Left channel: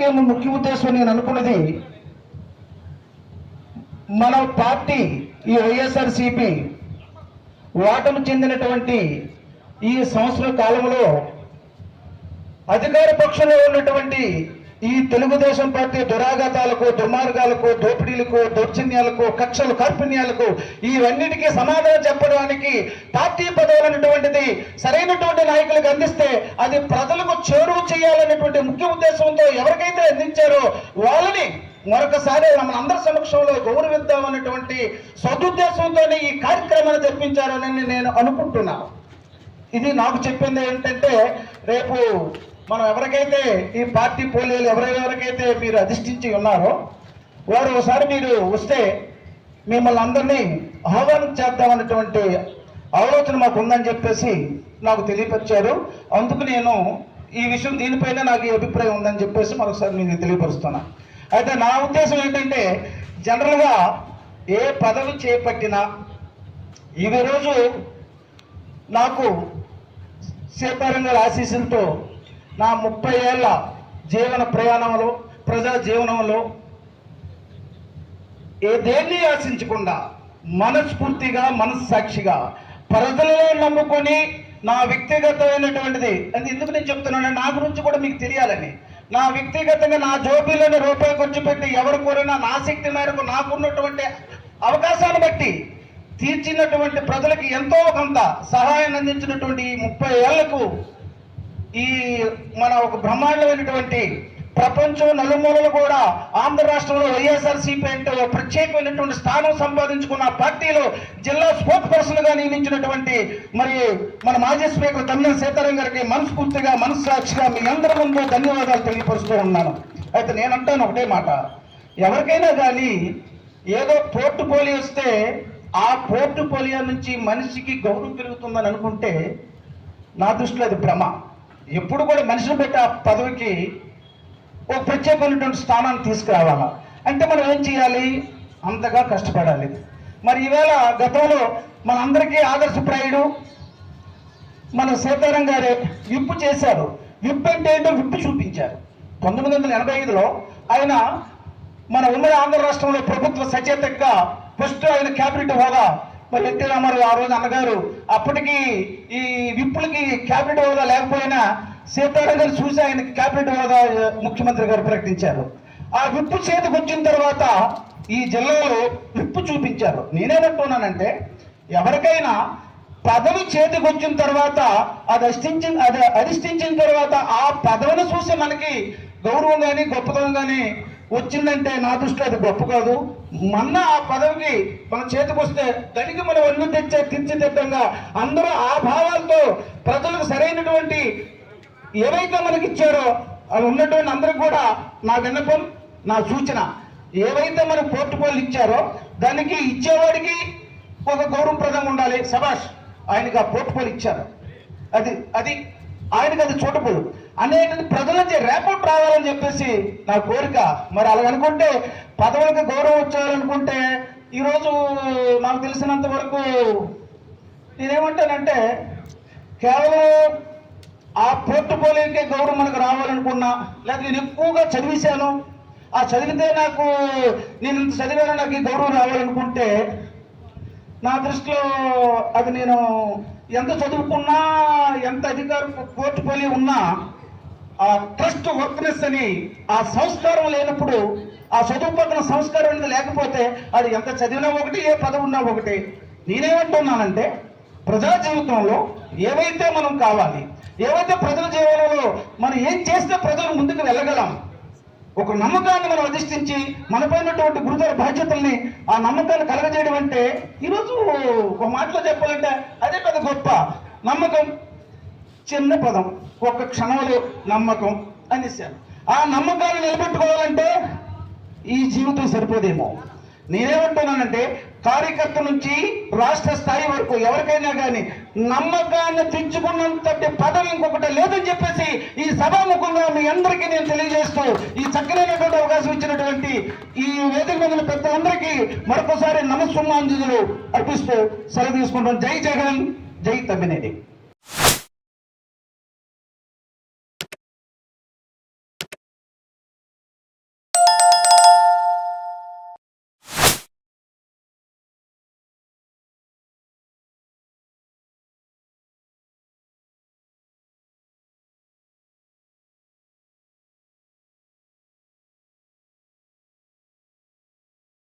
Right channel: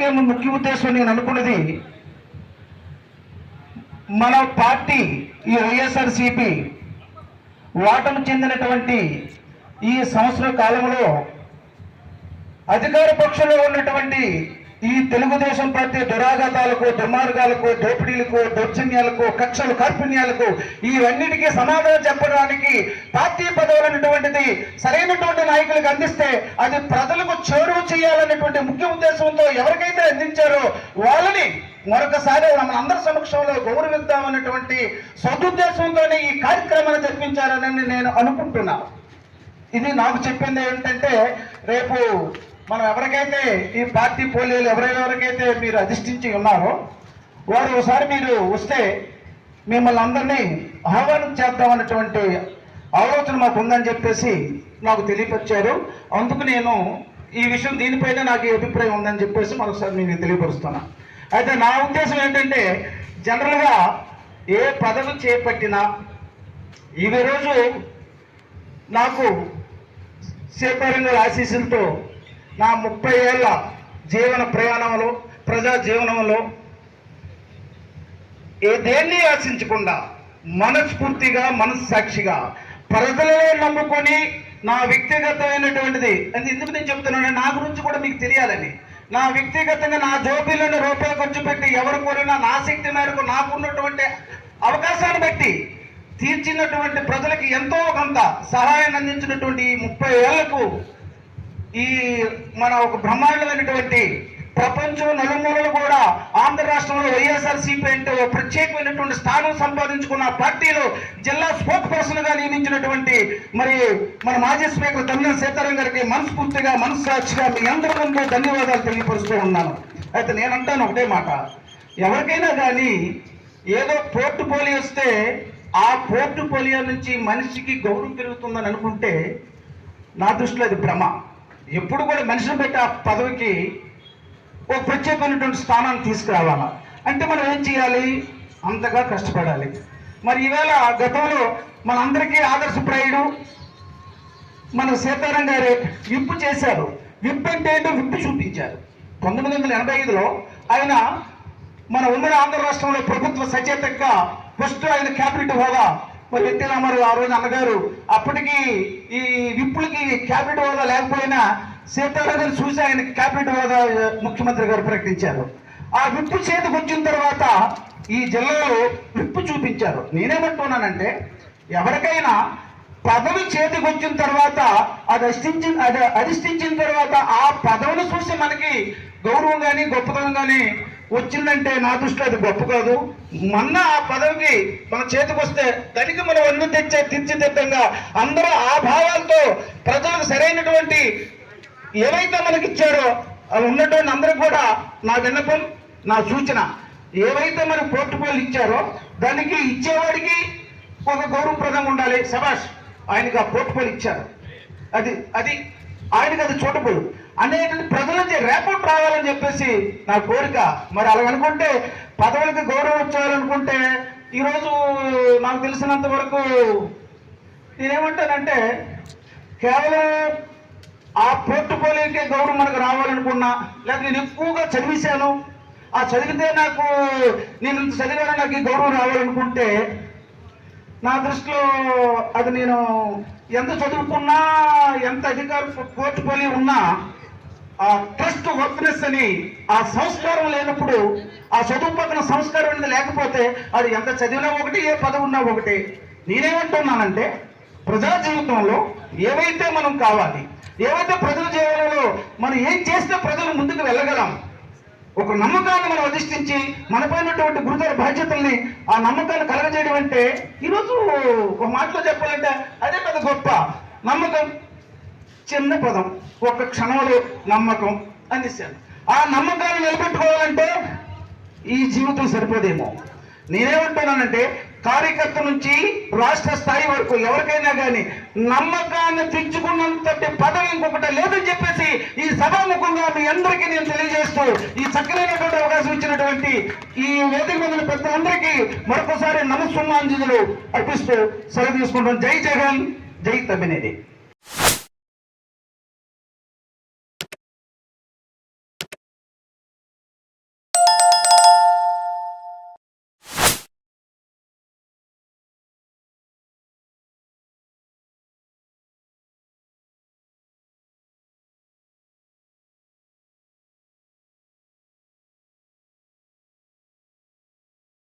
కార్యక్రమం ముఖ్య ఉద్దేశం నేను అనుకున్నది మన పార్టీ ఈ వైఎస్ఆర్సిపి ఓటమి చెందినటువంటి ఈ సంవత్సర కాలంలో అధికార పక్షంలో ఉన్నటువంటి ఈ తెలుగుదేశం పార్టీ దురాఘాతాలకు దుర్మార్గాలకు దోపిడీలకు దౌర్జన్యాలకు కక్షలు కార్పుణ్యాలకు ఇవన్నిటికీ సమాధానం చెప్పడానికి పార్టీ పదవులు అనేటువంటిది సరైనటువంటి నాయకులకు అందిస్తే అది ప్రజలకు చేరువ చేయాలన్నటువంటి ముఖ్య ఉద్దేశంతో ఎవరికైతే అందించారో వాళ్ళని మరొకసారి మన అందరి సమక్షంలో గౌరవిద్దామన్నటువంటి సదుద్దేశంతోనే ఈ కార్యక్రమాన్ని జరిపించారని నేను అనుకుంటున్నాను ఇది నాకు చెప్పింది ఏంటంటే రేపు మనం ఎవరికైతే ఈ పార్టీ పోలీలు ఎవరెవరికైతే మీరు అధిష్ఠించి ఉన్నారో వారు ఒకసారి మీరు వస్తే మిమ్మల్ని అందరినీ ఆహ్వానం చేద్దామన్నటువంటి ఆలోచన మాకు ఉందని చెప్పేసి నాకు తెలియపరిచారు. అందుకు నేను ఈ విషయం దీనిపైన నాకు ఈ అభిప్రాయం ఉందని చెప్పేసి మరొకసారి నేను తెలియపరుస్తున్నా. అయితే నా ఉద్దేశం ఏంటంటే జనరల్గా ఏ పదవి చేపట్టినా ఇవి రోజు నాకు సీతారాం గారి ఆశీస్సులతో నా ముప్పై ఏళ్ళ జీవన ప్రయాణంలో ప్రజా జీవనంలో ఏదేన్ని ఆశించకుండా మనస్ఫూర్తిగా మనస్సాక్షిగా ప్రజలలో నమ్ముకొని నా వ్యక్తిగతమైనటువంటిది అది ఎందుకు నేను చెప్తున్నాను నా గురించి కూడా మీకు తెలియాలని. నా వ్యక్తిగతంగా నా జోబీలను రూపాయి ఖర్చు పెట్టి ఎవరు కోరినా నా శక్తి మేరకు నాకున్నటువంటి అవకాశాన్ని బట్టి తీర్చినటువంటి ప్రజలకు ఎంతో కొంత సహాయాన్ని అందించినటువంటి ఈ ముప్పై ఏళ్ళకు ఈ మన ఒక బ్రహ్మాండమైనటువంటి ప్రపంచం నలుమూలలు కూడా ఆంధ్ర రాష్ట్రంలో వైఎస్ఆర్సీపీ అంటే ఒక ప్రత్యేకమైనటువంటి స్థానం సంపాదించుకున్న పార్టీలో జిల్లా స్పోక్ పర్సన్గా నియమించినటువంటి మరి మన మాజీ స్పీకర్ తమ్మిన సీతారాం గారికి మనస్ఫూర్తిగా మనస్సాక్షిగా మీ అందరి ముందు ధన్యవాదాలు తెలియపరుస్తూ ఉన్నాను. అయితే నేనంటాను ఒకటే మాట. ఎవరికైనా కానీ ఏదో పోర్టుపోలియో వస్తే ఆ పోర్టుపోలియో నుంచి మనిషికి గౌరవం పెరుగుతుందని అనుకుంటే నా దృష్టిలో అది భ్రమ. ఎప్పుడు కూడా మనిషిని పెట్టి ఆ పదవికి ఒక ప్రత్యేకమైనటువంటి స్థానాన్ని తీసుకురావాలా? అంటే మనం ఏం చేయాలి? అంతగా కష్టపడాలి. మరి ఈవేళ గతంలో మనందరికీ ఆదర్శప్రాయుడు మన సీతారాం గారు విప్పు చేశారు. విప్పు అంటే ఏంటో విప్పు చూపించారు. పంతొమ్మిది వందల ఎనభై ఐదులో ఆయన మన ఉమ్మడి ఆంధ్ర రాష్ట్రంలో ప్రభుత్వ సచేతగా ఫస్ట్ ఆయన క్యాబినెట్ హోదా మరి ఎన్టీ రామారావు ఆ రోజు అన్నగారు. అప్పటికి ఈ విప్పులకి క్యాబినెట్ హోదా లేకపోయినా సీతారాం గారు చూసి ఆయన క్యాబినెట్ హోదా ముఖ్యమంత్రి గారు ప్రకటించారు. ఆ విప్పు చేతికి వచ్చిన తర్వాత ఈ జిల్లాలో విప్పు చూపించారు. నేనేమంటున్నానంటే ఎవరికైనా పదవి చేతికి వచ్చిన తర్వాత అది అధిష్ఠించిన అది అధిష్ఠించిన తర్వాత ఆ పదవిని చూసి మనకి గౌరవం కానీ గొప్పతనం కానీ వచ్చిందంటే నా దృష్టిలో అది గొప్ప కాదు. మొన్న ఆ పదవికి మన చేతికి వస్తే దానికి మనం అన్ని తెచ్చే తీర్చిదిద్దంగా అందరూ ఆ భావాలతో ప్రజలకు సరైనటువంటి ఏవైతే మనకి ఇచ్చారో అవి ఉన్నటువంటి అందరికి కూడా నా విన్నపం నా సూచన. ఏవైతే మనకు పోర్టుపోలు ఇచ్చారో దానికి ఇచ్చేవాడికి ఒక గౌరవప్రదంగా ఉండాలి. సభాష్ ఆయనకి ఆ పోర్టుపోలు ఇచ్చారు. అది అది ఆయనకి అది చూడపు అనేక ప్రజల నుంచి రేపటి రావాలని చెప్పేసి నా కోరిక. మరి అలాగనుకుంటే పదవులకు గౌరవం వచ్చేయాలనుకుంటే ఈరోజు నాకు తెలిసినంత వరకు నేనేమంటానంటే కేవలం ఆ పోర్టుపోలియోకే గౌరవం మనకు రావాలనుకున్నా లేదా నేను ఎక్కువగా చదివేశాను. ఆ చదివితే నాకు నేను చదివాను నాకు ఈ గౌరవం రావాలనుకుంటే నా దృష్టిలో అది నేను ఎంత చదువుకున్నా ఎంత అధికార పోర్టుపోలియో ఉన్నా ఆ ట్రస్ట్ వర్క్నెస్ అని ఆ సంస్కారం లేనప్పుడు ఆ చదువు పక్కన సంస్కారం అనేది లేకపోతే అది ఎంత చదివినా ఒకటి ఏ పదవి ఉన్నా ఒకటి. నేనేమంటున్నానంటే ప్రజా జీవితంలో ఏవైతే మనం కావాలి ఏవైతే ప్రజల జీవనంలో మనం ఏం చేస్తే ప్రజలు ముందుకు వెళ్ళగలం ఒక నమ్మకాన్ని మనం అధిష్ఠించి మనపైనటువంటి గురుతర బాధ్యతల్ని ఆ నమ్మకాన్ని కలగజేయడం అంటే ఈరోజు ఒక మాటలో చెప్పాలంటే అదే పెద్ద గొప్ప నమ్మకం. చిన్న పదం. ఒక్క క్షణంలో నమ్మకం అందిస్తాను ఆ నమ్మకాన్ని నిలబెట్టుకోవాలంటే ఈ జీవితం సరిపోదేమో. నేనేమంటున్నానంటే కార్యకర్త నుంచి రాష్ట్ర స్థాయి వరకు ఎవరికైనా కానీ నమ్మకాన్ని తెచ్చుకున్నంతటి పదవి ఇంకొకటి లేదని చెప్పేసి ఈ సభాముఖంగా మీ అందరికీ నేను తెలియజేస్తూ ఈ చక్కనైనటువంటి అవకాశం ఇచ్చినటువంటి ఈ వేదిక మీద పెద్దలందరికీ మరొకసారి నమస్సుమాంజలు అర్పిస్తూ సెలవు తీసుకుంటాం. జై జగన్ జై తమ్మినేది